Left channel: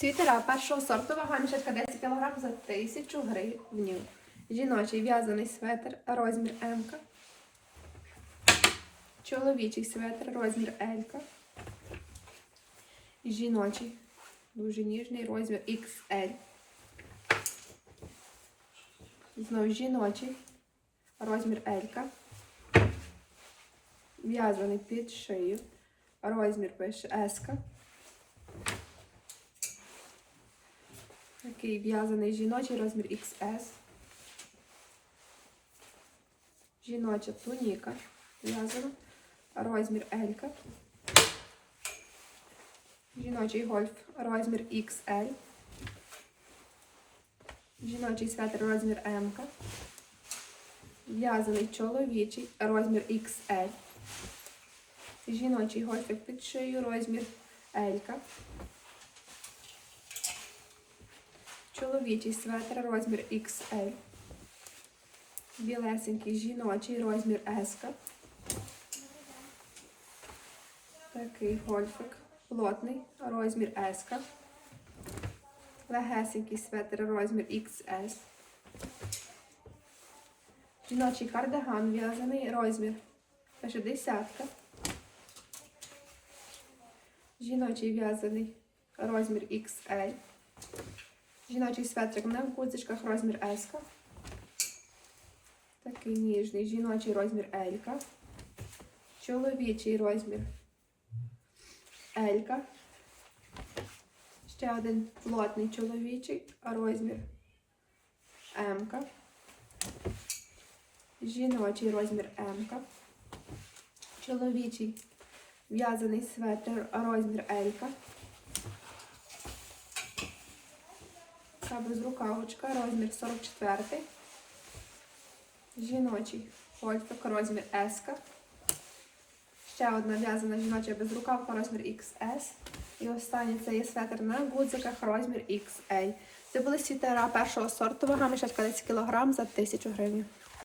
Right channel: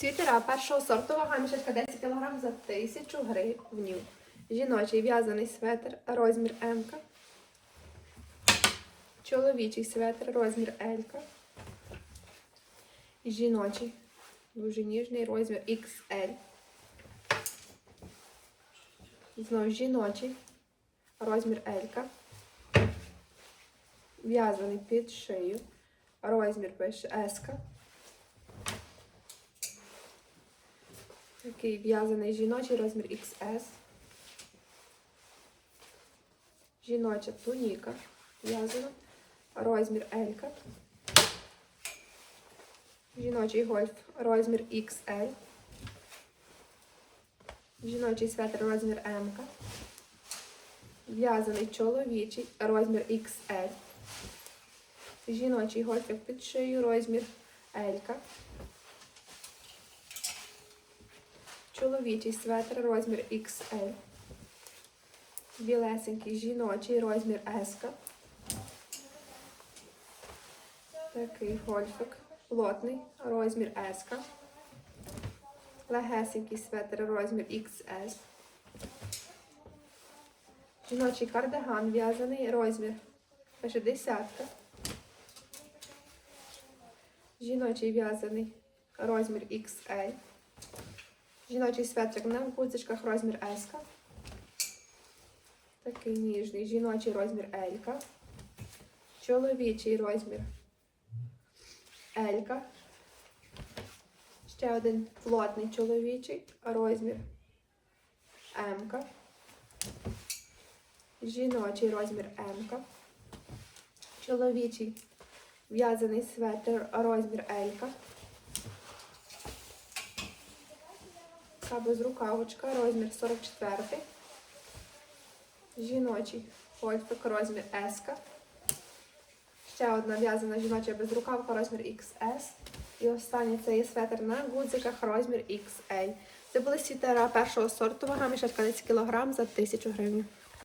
Світера першого сорту, вага мішечка 10 кг за 1000 гривень. Жіночий в'язаний светр, розмір М. Чоловічий светр, розмір L. Жіночий, дуже ніжний розмір XL. Знову жіночий, розмір L. В'язаний під шию. Розмір пише S. Такий в'язаний жіночий розмір XS. Жіноча туніка в'язана. Розмір L. Жіночий гольф розмір XL. Жіночий светр розмір М. В'язаний чоловічий розмір XL. Жіночий гольфик під шию розмір L. Чоловічий светр розмір XL. Білесенький жіночий розмір S. Такий гольфик. Плотний розмір S. Легесенький светр розмір XS. Жіночий кардиган в'язаний розмір. Пише десятка. Жіночий в'язаний розмір XL. Жіночий светрик на гудзичках розмір S. Такий ніжний. Жіночий розмір L. Чоловічий розмір L. Ще один плотний чоловічий розмір М. Жіночий розмір М. Чоловічий в'язаний светр розмір L. Така безрукавочка, розмір 44. Жіночий гольфик, розмір S. Ще одна в'язана жіноча безрукавка, розмір XS. І останнє це є светр на гудзиках, розмір XL. Це були світера першого сорту, вага мішечка 10 кг за 1000 гривень.